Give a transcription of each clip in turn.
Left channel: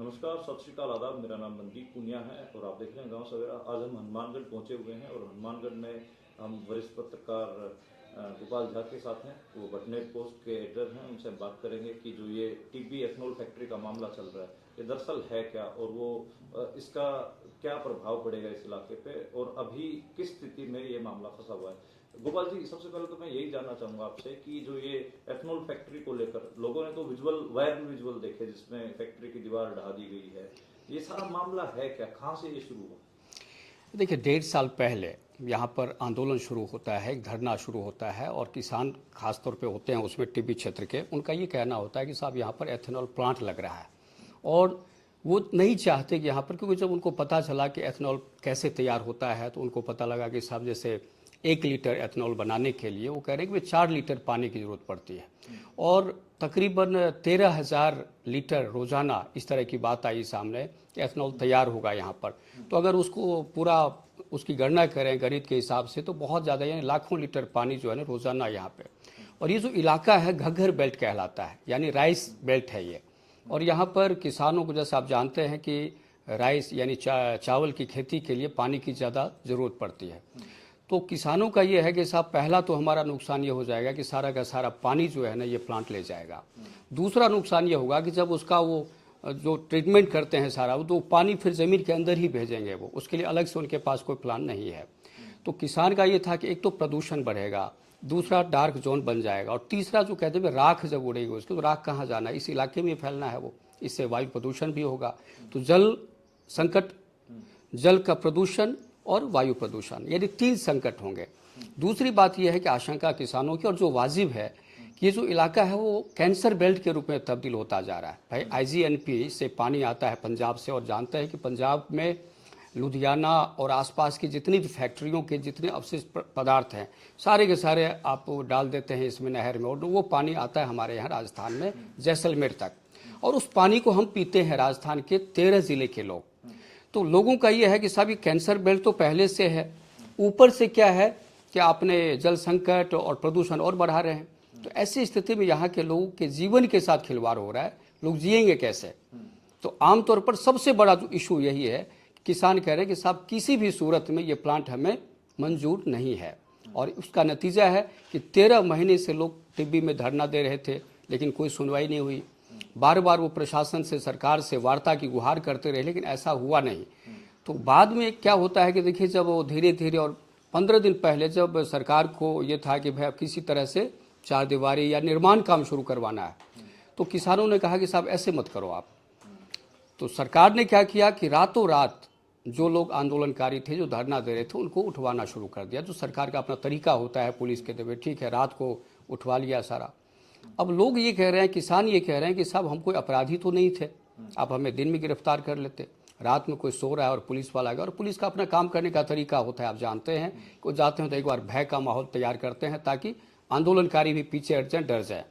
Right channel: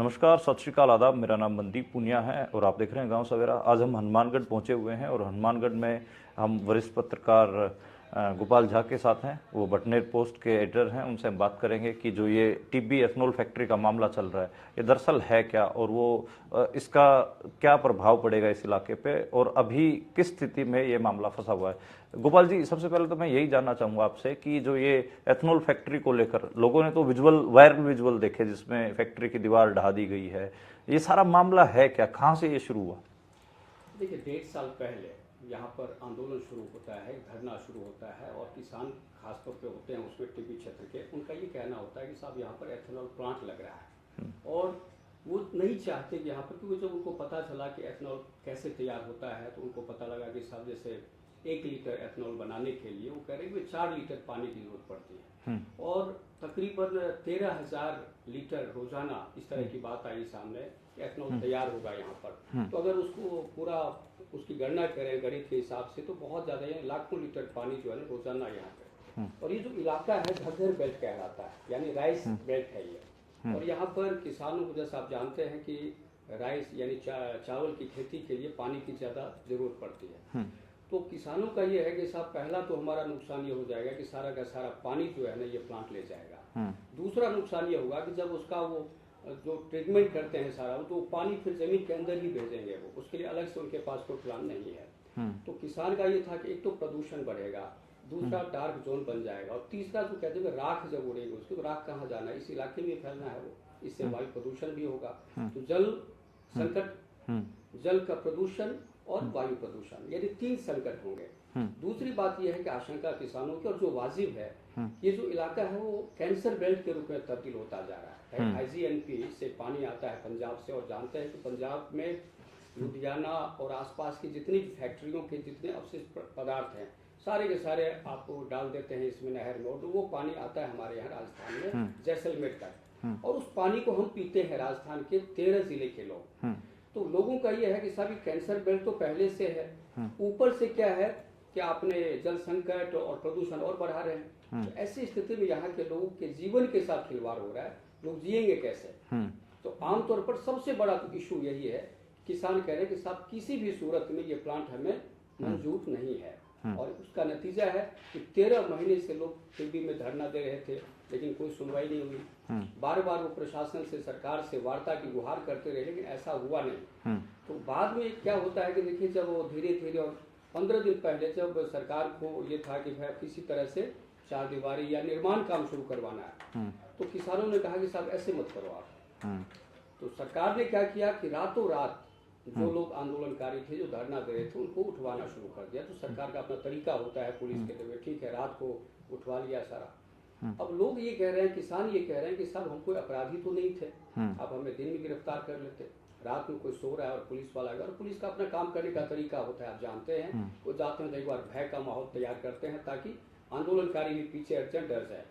नमस्कार, सत श्रीकाल, आदाब। मेरा नाम मनदीप पूनिया है और आप देख रहे हैं गांव सवेरा। आज हम हनुमानगढ़ पहुंचे हुए हैं और हनुमानगढ़ में हम वरिष्ठ पत्रकार गोपाल झा के साथ हैं। वो बटनेर पोस्ट के एडिटर हैं। उनसे हम बात करेंगे कि जो ये टिब्बी एथनॉल फैक्ट्री का मामला चल रहा है, ये दरअसल है क्या और वो इसका क्या प्रभाव पड़ेगा इस इलाके पे और अभी किस स्थिति में ये मामला फंसा हुआ है। गोपाल जी, सबसे पहले तो मैं यही जानना चाहूँगा आपसे कि जो ये एथनॉल फैक्ट्री को लेकर लोगों ने तो वायरल विजुअल देखे जिसमें फैक्ट्री की दीवार ढा दी गई है। ये सारा मामला है क्या, कहाँ से ये शुरू हुआ? देखिए, 1.5 साल पहले यहाँ पर आंदोलन शुरू होता है, एक धरना शुरू होता है और किसान खास तौर पे होते हैं उसमें टिब्बी क्षेत्र के। उनका ये कहना होता है कि साहब यहाँ पर एथेनॉल प्लांट लग रहा है और वो नहीं चाहते कि यहाँ पर, क्योंकि जब उनको पता चला कि एथेनॉल कैसे तैयार होता है तो उनको पता लगा कि साहब जैसे 1 लीटर एथेनॉल बनाने के लिए वो कह रहे हैं कि 4 लीटर पानी की ज़रूरत पड़ती है और तकरीबन 13,000 लीटर रोज़ाना इस तरह की बात आई सामने कि एथेनॉल तैयार होगा यहाँ पर। तो अगर उसको पूरा उसकी गणना करें गणित के हिसाब से तो बहुत ज़्यादा, यानी लाखों लीटर पानी जो है ना रोज़ाना यहाँ पे। और ये जो इलाका है घग्गर बेल्ट कहलाता है, यानी राइस बेल्ट है ये। और यहाँ पर किसानों को, जैसे आप जानते हैं कि राइस यानी चावल की खेती के लिए पानी की ज़्यादा ज़रूरत पड़ती है। तो किसानों का ये है कि साहब पहला तो हमारा नुकसान ये हो जाएगा कि सारा का सारा पानी जो है ना ये प्लांट ले जाएगा। दूसरा नुकसान ये होगा कि जब उसका वो जो ट्रीटमेंट करते हैं सारा, तो पानी फिर ज़मीन के अंदर ही भेजेंगे वो, उसके लिए अलग से उनके पास कोई प्लान नहीं है। तो किसान का ये था कि एक तो प्रदूषण बढ़ेगा, दूसरा डार्क जोन बन जाएगा और तीसरा जो कहते हैं राख जब उड़ेगी उसकी, तो राख कहाँ जाना है, इस इलाके में फैलना है वो, इससे वायु प्रदूषण भी होगा। तो जल संकट, जल का प्रदूषण और वायु प्रदूषण, यानी 3 संकट होंगे। दूसरी बात यह है कि आशंका किसानों की और जो वाजिब है कि ये जो इलाका है वो कैंसर बेल्ट के रूप में तब्दील होता जा रहा है। भाई आईजीएनपी से पानी आता है पंजाब से और जानते हैं कि पंजाब में लुधियाना और आसपास की जितनी भी फैक्ट्रियों के जितने अवशिष्ट पदार्थ हैं सारे के सारे आप डाल देते हैं इसमें नहर में और वो पानी आता है हमारे यहाँ राजस्थान में जैसलमेर तक। और उस पानी को हम पीते हैं राजस्थान के 13 जिले के लोग। तो लोगों का ये है कि साहब ये कैंसर बेल्ट तो पहले से है, ऊपर से क्या है कि आपने जल संकट और प्रदूषण और बढ़ा रहे हैं। तो ऐसी स्थिति में यहाँ के लोगों के जीवन के साथ खिलवाड़ हो रहा है, लोग जिएंगे कैसे। तो आमतौर पर सबसे बड़ा जो इशू यही है, किसान कह रहे हैं कि साहब किसी भी सूरत में ये प्लांट हमें मंजूर नहीं है। और उसका नतीजा है कि 13 महीने से लोग टिब्बी में धरना दे रहे थे लेकिन कोई सुनवाई नहीं हुई। बार बार वो प्रशासन से, सरकार से वार्ता की गुहार करते रहे लेकिन ऐसा हुआ नहीं। तो बाद में क्या होता है कि देखिए, जब वो धीरे धीरे, और 15 दिन पहले जब सरकार को ये था कि भाई अब किसी तरह से चारदीवारी या निर्माण काम शुरू करवाना है, तो किसानों ने कहा कि साहब ऐसे मत करो आप। तो सरकार ने क्या किया कि रातों रात जो लोग आंदोलनकारी थे, जो धरना दे रहे थे, उनको उठवाना शुरू कर दिया। जो सरकार का अपना तरीका होता है पुलिस के तहत, ठीक है, रात को उठवा लिया सारा। अब लोग ये कह रहे हैं, किसान ये कह रहे हैं कि साहब हम कोई अपराधी तो नहीं थे, आप हमें दिन में गिरफ्तार कर लेते, रात में कोई सो रहा है और पुलिस वाला गया। और पुलिस का अपना काम करने का तरीका होता है, आप जानते हैं, वो जाते हैं तो एक बार भय का माहौल तैयार करते हैं ताकि आंदोलनकारी भी पीछे हट जाए, डर जाए।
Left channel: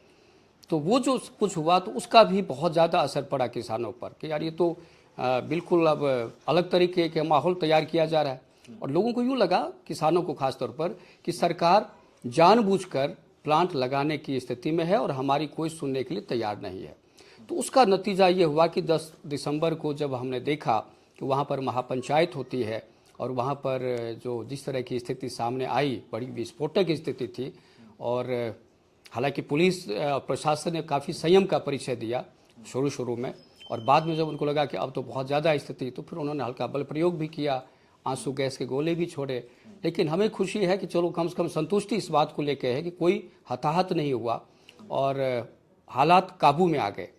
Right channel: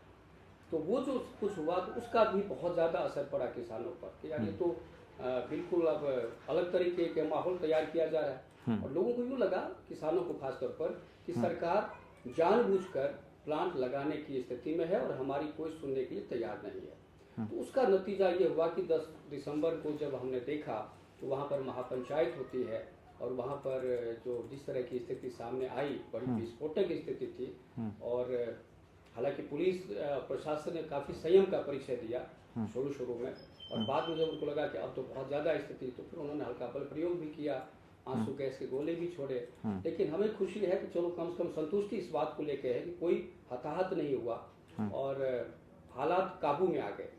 तो वो जो कुछ हुआ तो उसका भी बहुत ज़्यादा असर पड़ा किसानों पर कि यार ये तो बिल्कुल अब अलग तरीके के माहौल तैयार किया जा रहा है। और लोगों को यूँ लगा, किसानों को खास तौर पर, कि सरकार जानबूझकर प्लांट लगाने की स्थिति में है और हमारी कोई सुनने के लिए तैयार नहीं है। तो उसका नतीजा ये हुआ कि 10 दिसंबर को जब हमने देखा कि वहाँ पर महापंचायत होती है और वहाँ पर जो जिस तरह की स्थिति सामने आई, बड़ी विस्फोटक स्थिति थी। और हालांकि पुलिस प्रशासन ने काफ़ी संयम का परिचय दिया शुरू में, और बाद में जब उनको लगा कि अब तो बहुत ज़्यादा स्थिति, तो फिर उन्होंने हल्का बल प्रयोग भी किया, आंसू गैस के गोले भी छोड़े। लेकिन हमें खुशी है कि चलो कम से कम संतुष्टि इस बात को लेकर है कि कोई हताहत नहीं हुआ और हालात काबू में आ गए।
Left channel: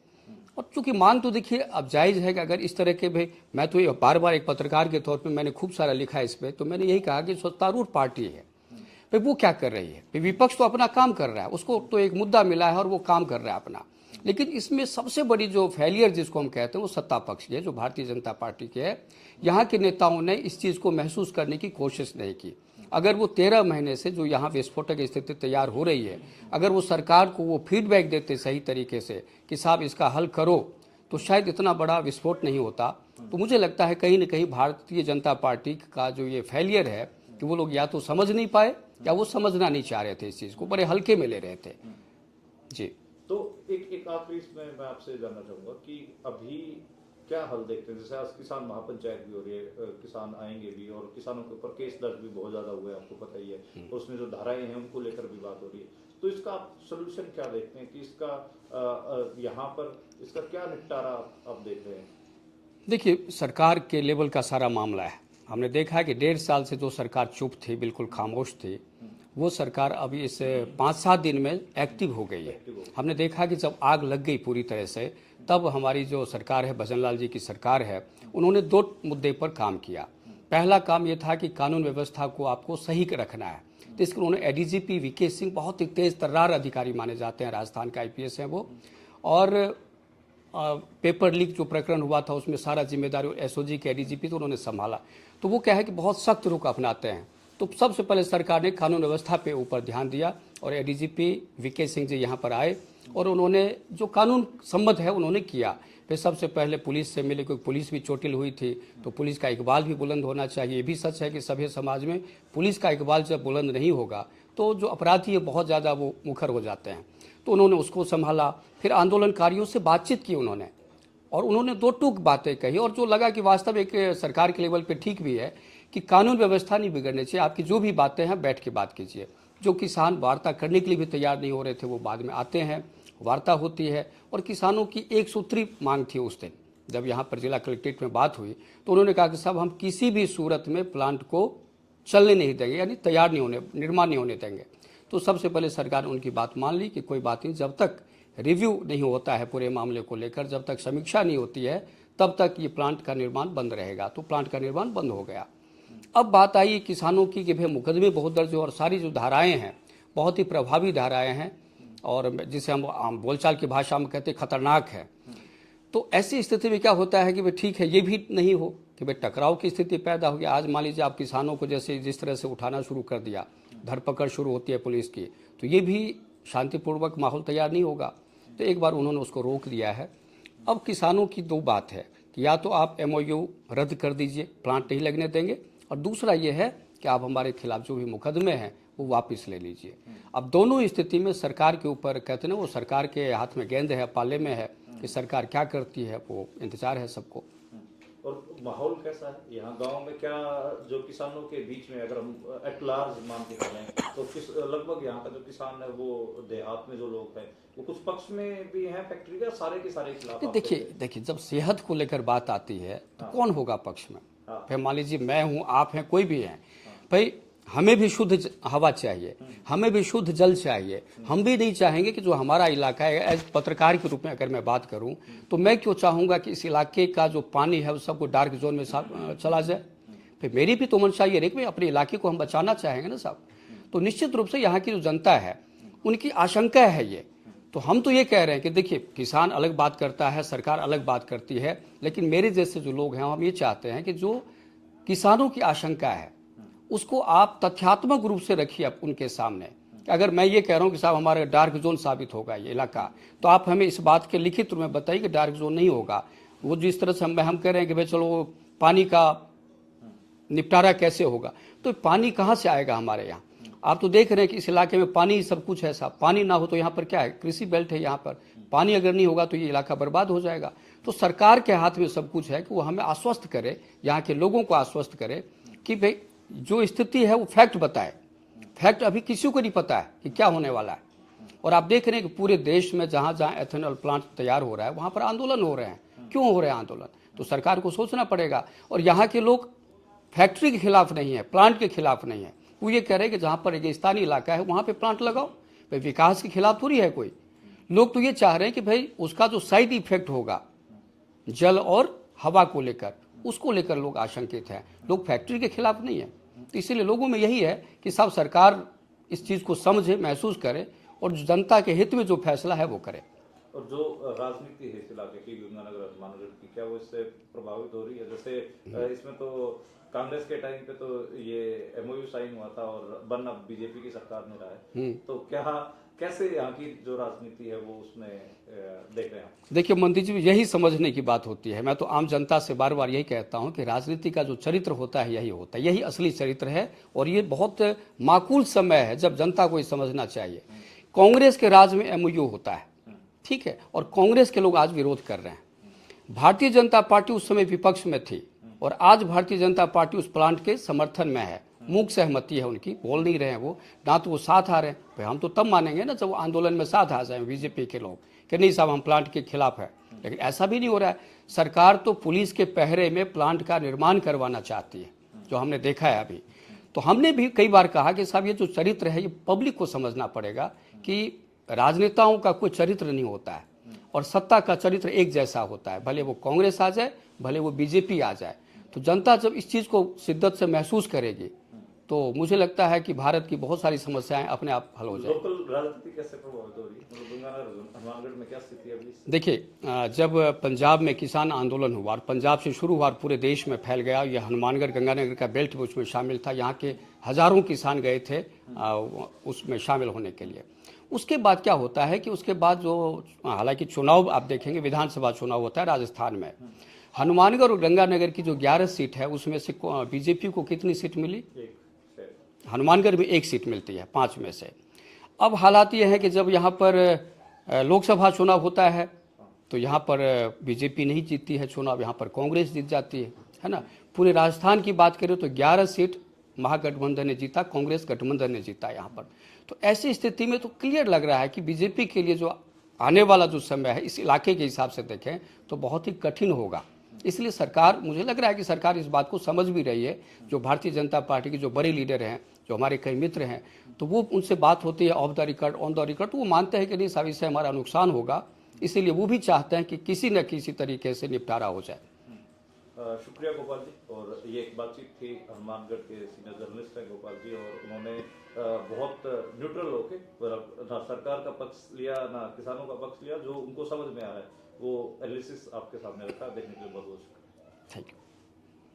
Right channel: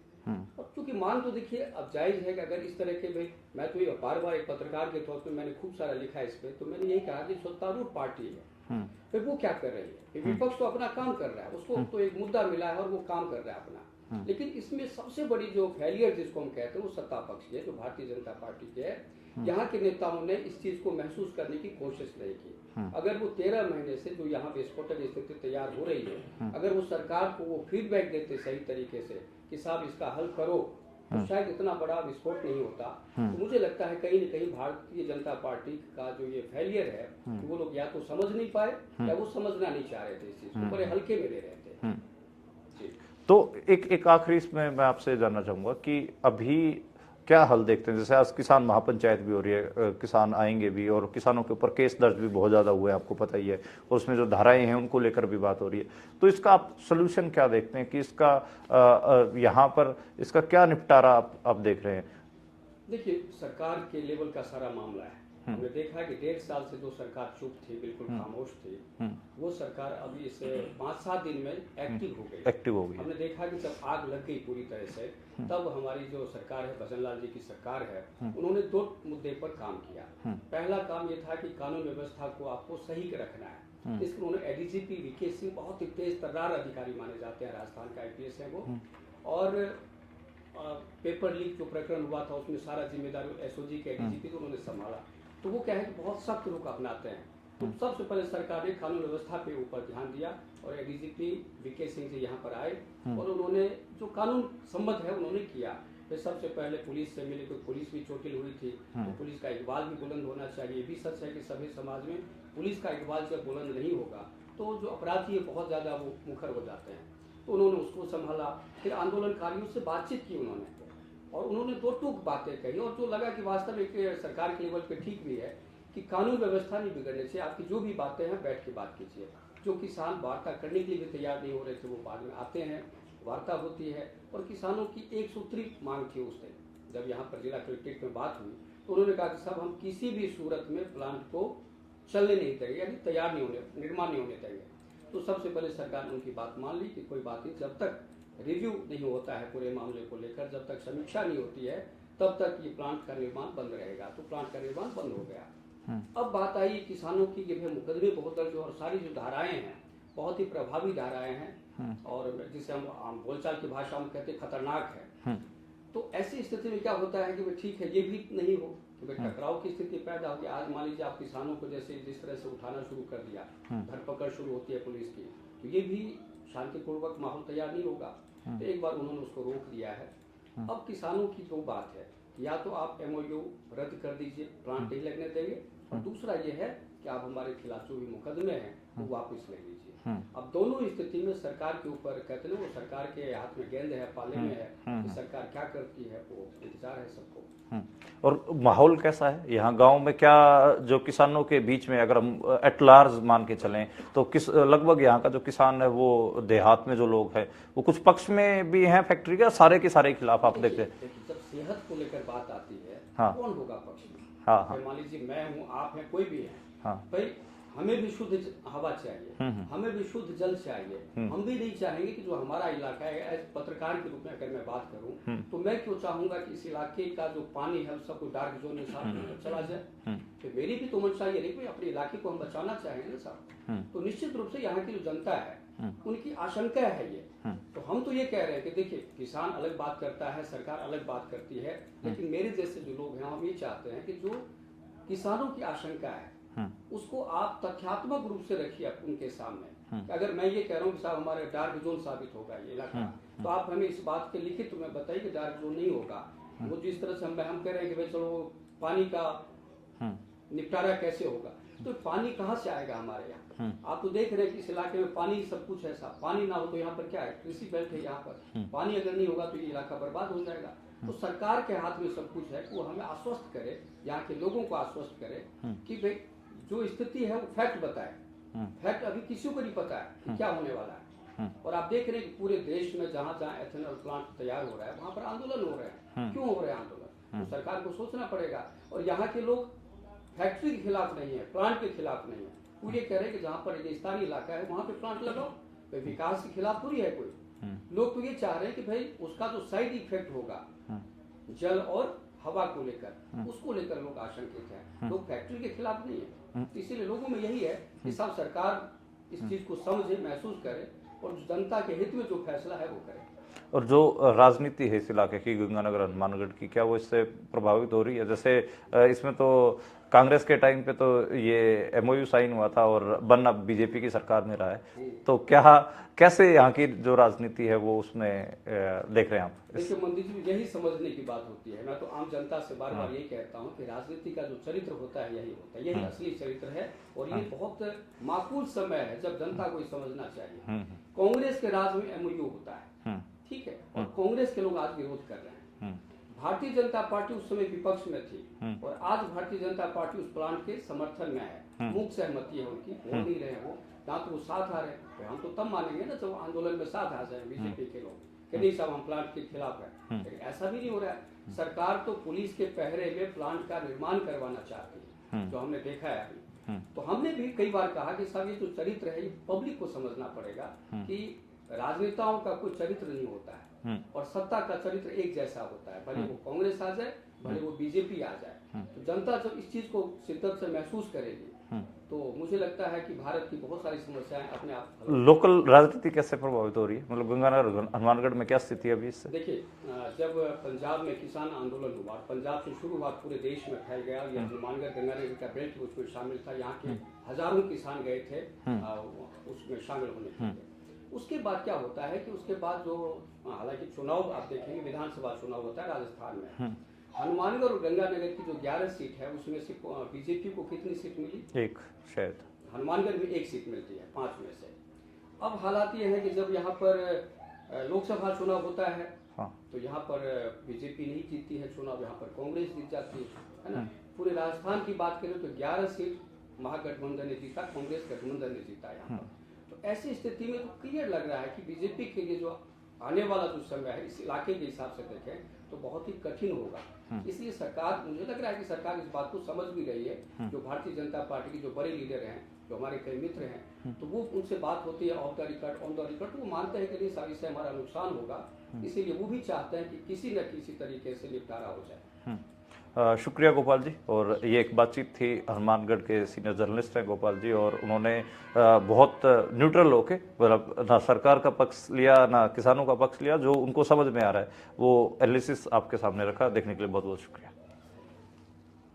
और चूंकि मांग तो देखिए अब जायज़ है कि अगर इस तरह के, भाई मैं तो ये बार बार एक पत्रकार के तौर पे मैंने खूब सारा लिखा है इस पर, तो मैंने यही कहा कि सत्तारूढ़ पार्टी है, भाई वो क्या कर रही है, विपक्ष तो अपना काम कर रहा है, उसको तो एक मुद्दा मिला है और वो काम कर रहा है अपना। लेकिन इसमें सबसे बड़ी जो फेलियर जिसको हम कहते हैं वो सत्ता पक्ष की है, जो भारतीय जनता पार्टी के है। यहाँ के नेताओं ने इस चीज़ को महसूस करने की कोशिश नहीं की। अगर वो 13 महीने से जो यहाँ विस्फोटक स्थिति तैयार हो रही है, अगर वो सरकार को वो फीडबैक देते सही तरीके से कि साहब इसका हल करो, तो शायद इतना बड़ा विस्फोट नहीं होता। तो मुझे लगता है कहीं ना कहीं भारतीय जनता पार्टी का जो ये फेलियर है कि वो लोग या तो समझ नहीं पाए या वो समझना नहीं चाह रहे थे, इस चीज़ को बड़े हल्के में ले रहे थे। जी। तो एक आखिरी इसमें मैं आपसे जानना चाहूँगा कि अभी क्या हल देखते हैं? जैसे आज किसान महापंचायत भी हो रही है, किसान आएंगे भी और किसानों के ऊपर केस दर्ज भी बहुत ज़्यादा हुए हैं, आपको पता ही है, और उसमें जो धाराएं हैं उनको लेकर भी बात हो रही है। तो इसका आप सोल्यूशन क्या देखते हैं कि इसका यहाँ पर इसका क्या निपटारा आप देख रहे हैं? देखिए, सरकार के लेवल का सारा मामला है। हमने देखा है कि 1.5 साल से जो सरकार चुप थी, बिल्कुल खामोश थी, वो सरकार अभी इस 5-7 दिन में एक्टिव हो गई। एक्टिव हो गई। हमने देखा कि जब आग लग गई पूरी तरह से, तब हमारी जो सरकार है, भजनलाल जी की सरकार है, उन्होंने 2 मुद्दे पर काम किया। पहला काम ये था कि कानून व्यवस्था को आपको सही रखना है, तो इसके उन्होंने एडीजीपी वीके सिंह, बहुत ही तेज तर्रार अधिकारी माने जाते हैं, राजस्थान के आईपीएस हैं वो, और पेपर लीक जो प्रकरण हुआ था उसमें सारा जिम्मेदारी एसओजी के एडीजीपी तो उन्होंने संभाला। तो वो क्या है कि बहुत सख्त रुख अपनाते हैं। तो सबसे पहले सरकार ने कानून व्यवस्था पे ऊपर ध्यान दिया और एडीजीपी वीके सिंह जी यहाँ पर आए और उन्होंने जो कानून सम्मत है उन्होंने किया। फिर सबसे पहले पुलिस से मिले, क्योंकि पुलिस भी चोटिल हुई थी, तो पुलिस का इकबाल भी बुलंद होना चाहिए। ये भी सच है कि सभ्य समाज में पुलिस का इकबाल जब बुलंद नहीं होगा तो जो अपराधी है बहुत ज़्यादा वो मुखर हो जाते हैं। तो उन्होंने उसको संभाला। फिर आंदोलनकारियों से बातचीत की उन्होंने, और उन्होंने 2 टूक बातें कही, और जो लगा कि वास्तव एक सरकार के लेवल पे ठीक भी है कि कानून व्यवस्था नहीं बिगड़नी चाहिए, आपकी जो भी बातें हैं बैठ के बात कीजिए। जो किसान वार्ता करने के लिए भी तैयार नहीं हो रहे थे वो बाद में आते हैं, वार्ता होती है। और किसानों की एक सूत्री मांग थी उस दिन जब यहाँ पर जिला कलेक्ट्रेट में बात हुई, तो उन्होंने कहा कि साहब हम किसी भी सूरत में प्लांट को चलने नहीं देंगे, यानी तैयार नहीं होने, निर्माण नहीं होने देंगे। तो सबसे पहले सरकार ने उनकी बात मान ली कि कोई बात नहीं, जब तक रिव्यू नहीं होता है पूरे मामले को लेकर, जब तक समीक्षा नहीं होती है, तब तक ये प्लांट का निर्माण बंद रहेगा। तो प्लांट का निर्माण बंद हो गया। अब बात आई किसानों की कि भाई मुकदमे बहुत दर्ज हो और सारी जो धाराएं हैं बहुत ही प्रभावी धाराएं हैं, और जिसे हम बोलचाल की भाषा में कहते हैं खतरनाक है। तो ऐसी स्थिति में क्या होता है कि भाई ठीक है, ये भी नहीं हो कि भाई टकराव की स्थिति पैदा हो गया। आज मान लीजिए आप किसानों को जैसे जिस तरह से उठाना शुरू कर दिया, धरपकड़ शुरू होती है पुलिस की, तो ये भी शांतिपूर्वक माहौल तैयार नहीं होगा। तो एक बार उन्होंने उसको रोक दिया है। अब किसानों की 2 बात है कि या तो आप एमओयू रद्द कर दीजिए, प्लांट नहीं लगने देंगे, और दूसरा ये है कि आप हमारे खिलाफ जो भी मुकदमे हैं वो वापस ले लीजिए। अब दोनों स्थिति में सरकार के ऊपर कहते हैं ना, वो सरकार के हाथ में गेंद है, पाले में है कि सरकार क्या करती है, वो इंतजार है सबको। और माहौल कैसा है यहाँ गांव में? क्या जो किसानों के बीच में, अगर हम एट लार्ज मान के चलें, तो किस लगभग यहाँ का जो किसान है वो देहात में जो लोग हैं वो कुछ पक्ष में भी हैं फैक्ट्री के, सारे के सारे खिलाफ आप देखते हैं? देखिए, जब सेहत को लेकर बात आती है हाँ। तो कौन होगा पक्ष में? हाँ। भाई मान लीजिए मैं हूँ, आप हैं, कोई भी है, हाँ। भाई हमें भी शुद्ध हवा चाहिए, हमें भी शुद्ध जल चाहिए। हम भी नहीं चाहेंगे कि जो हमारा इलाका है, एज पत्रकार के रूप में अगर मैं बात करूं, तो मैं क्यों चाहूंगा कि इस इलाके का जो पानी है वो सबको डार्क जोन में चला जाए? फिर मेरी भी तो मंशा ये रही कि अपने इलाके को हम बचाना चाहेंगे ना साहब। तो निश्चित रूप से यहाँ की जो जनता है उनकी आशंका है ये। तो हम तो ये कह रहे हैं कि देखिए, किसान अलग बात करता है, सरकार अलग बात करती है, लेकिन मेरे जैसे जो लोग हैं हम ये चाहते हैं कि जो किसानों की आशंका है उसको आप तथ्यात्मक रूप से रखिए उनके सामने। कि अगर मैं ये कह रहा हूँ कि साहब हमारा डार्क जोन साबित होगा ये इलाका, तो आप हमें इस बात के लिखित रूप में बताइए कि डार्क जोन नहीं होगा। वो जिस तरह से हम कह रहे हैं कि भाई चलो पानी का निपटारा कैसे होगा, तो पानी कहाँ से आएगा हमारे यहाँ? आप तो देख रहे हैं कि इस इलाके में पानी ही सब कुछ है साहब। पानी ना हो तो यहाँ पर क्या है, कृषि बेल्ट है यहाँ पर, पानी अगर नहीं होगा तो ये इलाका बर्बाद हो जाएगा। तो सरकार के हाथ में सब कुछ है कि वो हमें आश्वस्त करे, यहाँ के लोगों को आश्वस्त करे कि भाई जो स्थिति है वो फैक्ट बताए। फैक्ट अभी किसी को नहीं पता है कि क्या होने वाला है। और आप देख रहे हैं कि पूरे देश में जहां जहां एथेनॉल प्लांट तैयार हो रहा है वहां पर आंदोलन हो रहे हैं। क्यों हो रहे हैं आंदोलन? तो सरकार को सोचना पड़ेगा। और यहाँ के लोग फैक्ट्री के खिलाफ नहीं है, प्लांट के खिलाफ नहीं है, वो ये कह रहे हैं कि जहाँ पर रेगिस्तानी इलाका है वहाँ पे प्लांट लगाओ। भाई विकास के खिलाफ थोड़ी है कोई। लोग तो ये चाह रहे हैं कि भाई उसका जो साइड इफेक्ट होगा जल और हवा को लेकर, उसको लेकर लोग आशंकित हैं। लोग फैक्ट्री के खिलाफ नहीं है। तो इसीलिए लोगों में यही है कि साहब सरकार इस चीज़ को समझे, महसूस करे और जनता के हित में जो फैसला है वो करे। और जो राजनीति है इस इलाके की, गंगानगर हनुमानगढ़ की, क्या वो इससे प्रभावित हो रही है? जैसे इसमें तो कांग्रेस के टाइम पे तो ये एमओयू साइन हुआ था और बन अब बीजेपी की सरकार में रहा है, तो क्या कैसे यहाँ की जो राजनीति है वो उसमें देख रहे हैं आप? देखिए मंदिर जी, यही समझने की बात होती है। मैं तो आम जनता से बार बार यही कहता हूँ कि राजनीति का जो चरित्र होता है यही होता है, यही असली चरित्र है। और ये बहुत माकूल समय है जब जनता को ये समझना चाहिए। कांग्रेस के राज में एमओयू होता है, ठीक है, और कांग्रेस के लोग आज विरोध कर रहे हैं। भारतीय जनता पार्टी उस समय विपक्ष में थी और आज भारतीय जनता पार्टी उस प्लांट के समर्थन में है, मूक सहमति है उनकी, बोल नहीं रहे हैं वो, ना तो वो साथ आ रहे हैं। भाई हम तो तब मानेंगे ना जब वो आंदोलन में साथ आ जाए बीजेपी के लोग कि नहीं साहब हम प्लांट के खिलाफ है, लेकिन ऐसा भी नहीं हो रहा है। सरकार तो पुलिस के पहरे में प्लांट का निर्माण करवाना चाहती है, जो हमने देखा है अभी। तो हमने भी कई बार कहा कि साहब ये जो चरित्र है ये पब्लिक को समझना पड़ेगा कि राजनेताओं का कोई चरित्र नहीं होता है और सत्ता का चरित्र एक जैसा होता है, भले वो कांग्रेस आ जाए भले वो बीजेपी आ जाए। तो जनता जब इस चीज को शिद्दत से महसूस करेगी तो मुझे लगता है कि भारत की बहुत सारी समस्याएं अपने आप हल हो जाएंगी। लोकल राजनीति कैसे प्रभावित हो रही है, मतलब गंगानगर हनुमानगढ़ में क्या स्थिति है अभी इससे? देखिए जब पंजाब में किसान आंदोलन हुआ और पंजाब से शुरू हुआ और पूरे देश में फैल गया, ये हनुमानगढ़ गंगानगर का बेल्ट भी उसमें शामिल था, यहाँ के हजारों किसान गए थे उसमें शामिल होने के लिए। उसके बाद क्या होता है कि उसके बाद जो हालांकि चुनाव आप देखेंगे विधानसभा चुनाव होता है राजस्थान में, हनुमानगढ़ और गंगानगर की जो 11 सीट है उसमें से बीजेपी को कितनी सीट मिली? एक शायद। हनुमानगढ़ में 1 सीट मिलती है 5 में से। अब हालात ये है कि जब यहाँ पर लोकसभा चुनाव होता है तो यहाँ पर बीजेपी नहीं जीतती है चुनाव, यहाँ पर कांग्रेस जीत जाती है ना। पूरे राजस्थान की बात करें तो 11 सीट महागठबंधन ने जीता, कांग्रेस गठबंधन ने जीता यहाँ पर। तो ऐसी स्थिति में तो क्लियर लग रहा है कि बीजेपी के लिए जो आने वाला जो समय है इस इलाके के हिसाब से देखें तो बहुत ही कठिन होगा। इसलिए सरकार, मुझे लग रहा है कि सरकार इस बात को समझ भी रही है। जो भारतीय जनता पार्टी के जो बड़े लीडर हैं, जो हमारे कई मित्र हैं, तो वो उनसे बात होती है of the record on the record, तो वो मानते हैं कि नहीं साहब इससे हमारा नुकसान होगा, इसीलिए वो भी चाहते हैं कि किसी न किसी तरीके से निपटारा हो जाए। शुक्रिया गोपाल जी। और ये एक बातचीत थी, हनुमानगढ़ के सीनियर जर्नलिस्ट हैं गोपाल जी, और उन्होंने बहुत न्यूट्रल होके, मतलब ना सरकार का पक्ष लिया ना किसानों का पक्ष लिया, जो उनको समझ में आ रहा है वो एनालिसिस आपके सामने रखा। देखने के लिए बहुत बहुत शुक्रिया। Thank you.